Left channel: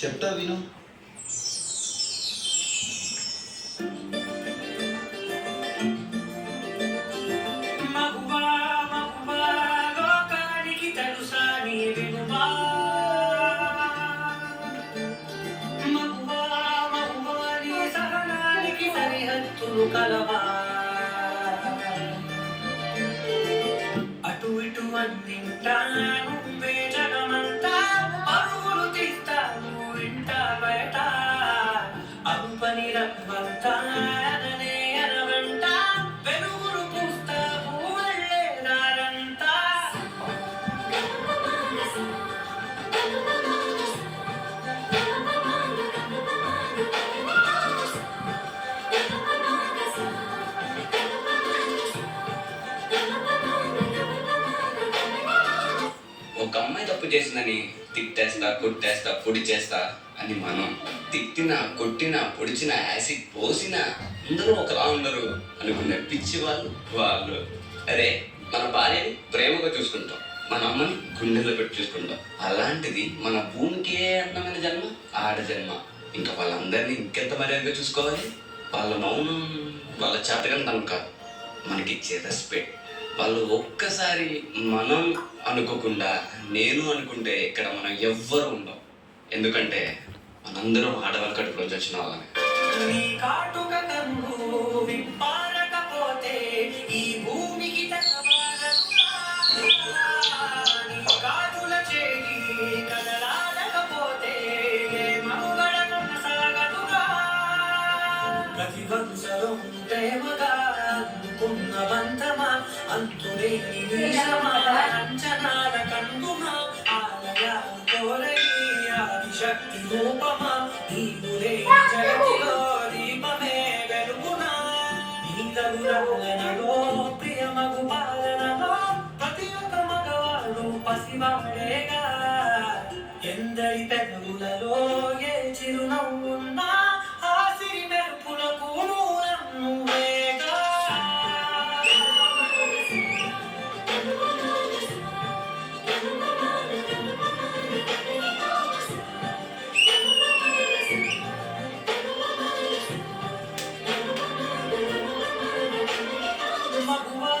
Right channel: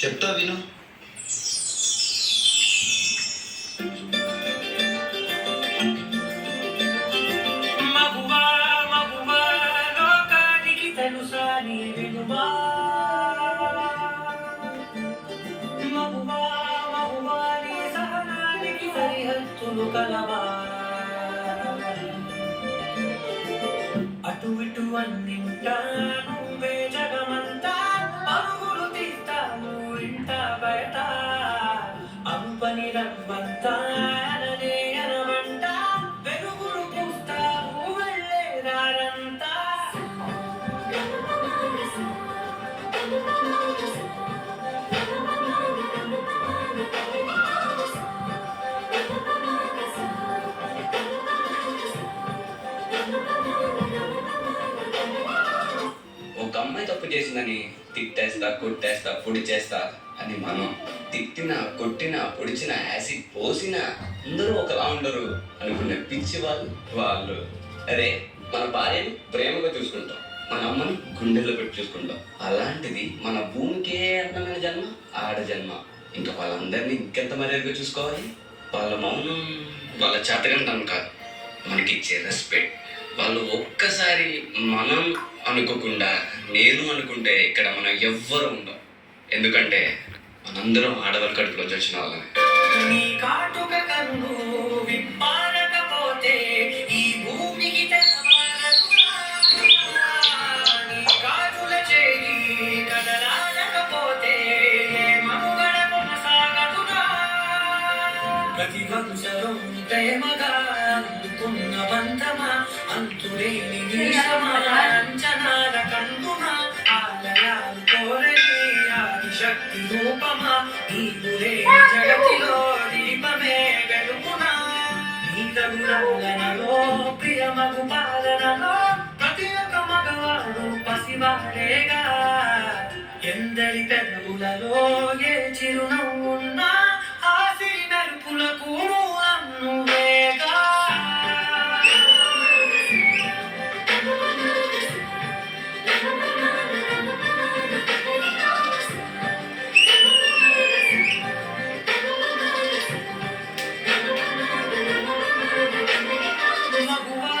చెప్తా విను. మగువా మగువా లోకానికి తెలుసా నీ విలువా మగువా మగువా నీ సహనానికి సరిహద్దులు కలవా అటు ఇటు అన్నింటా నువ్వే జగమంతా పరుగులు తీస్తావు ఇంట బయట అలుపని రవ్వంతా అననే అనమంట వెలుగులు పూస్తావు వెళ్ళే దారంతా ఒక అమ్మాయి తప్పు చేసిందని తిట్టేస్తా కొట్టేస్తా పొడి చేస్తా అని మనం తిట్టినా కొట్టినా పొడిచినా యాసిడ్ పోసినా అందరూ ఒకలా ఉండరు అనుకునే పిచ్చి వాళ్ళు అరే మన భార్యని ప్రేమగా చూసుకుంటాం, మన అమ్మని గుండెల్లో పెట్టి చూసుకుంటాం. అలాంటిది మన భూమికే అందమైన జన్మ ఆడ జన్మ. ఇంకా వాళ్ళందరినీ ఇంకెంత మర్యాదగా చూసుకోవాలి. వాళ్ళ మౌనం వాళ్ళ చేతకంతం కాదు, మనకిచ్చే రెస్పెక్ట్. వాళ్ళు ఒక్కసారి మనం అనుకోకుండా నేను అనుకుంటే ఇక్కడ మనం ఎవ్వరు ఉండం. ఎందుకంటే మనందరం ఆడవాళ్ళ కడుపులో వచ్చిన వాళ్ళని. నీ కాటుక కన్ను విప్పారకపోతే ఈ భూమికి తెలవారదురా. నీ కాటుల చేయి కదలాడకపోతే ఏ మనుగడ కొనసాగదురా. ప్రతి వంశం ప్రేమగా అందుకున్న బంధమా అంతులేని నీలమా అంచనాల కందుమా ఆలయాలు కోరని ఆదిశక్తి రూపమా నీవులే జగతిలో దీపమే వెలుగునా. నీ తగులలో ప్రియమగు పాలనలో ప్రతి ఒక్క మగవాడు పసివాడేగా. ఎందరి పెదవులలో ఏ చిరునవ్వున్నా ఆ సిరి మెరుపులకు మూలం నువ్వేగా. మగువా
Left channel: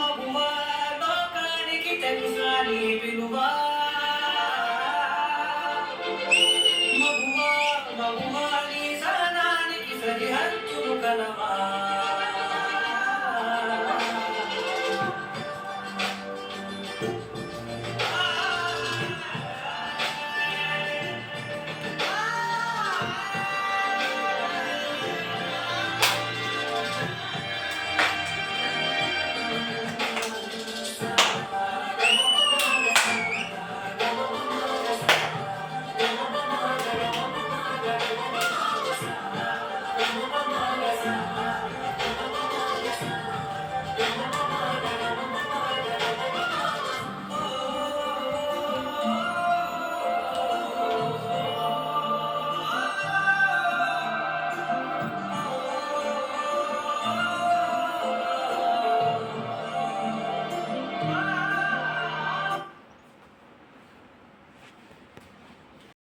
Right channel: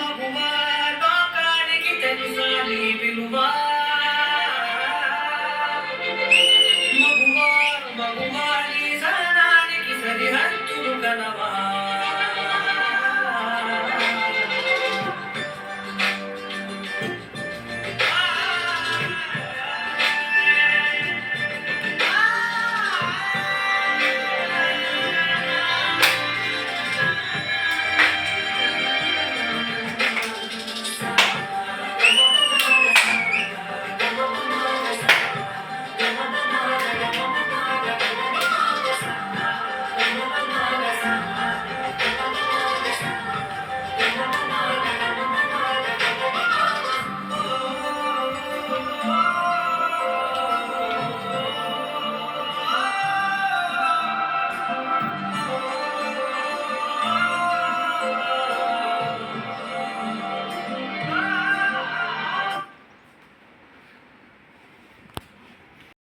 మగువా లోకానికి తెలుసా నీ విలువా మగువా మగువా నీ సహనానికి సరిహద్దులు కలవా.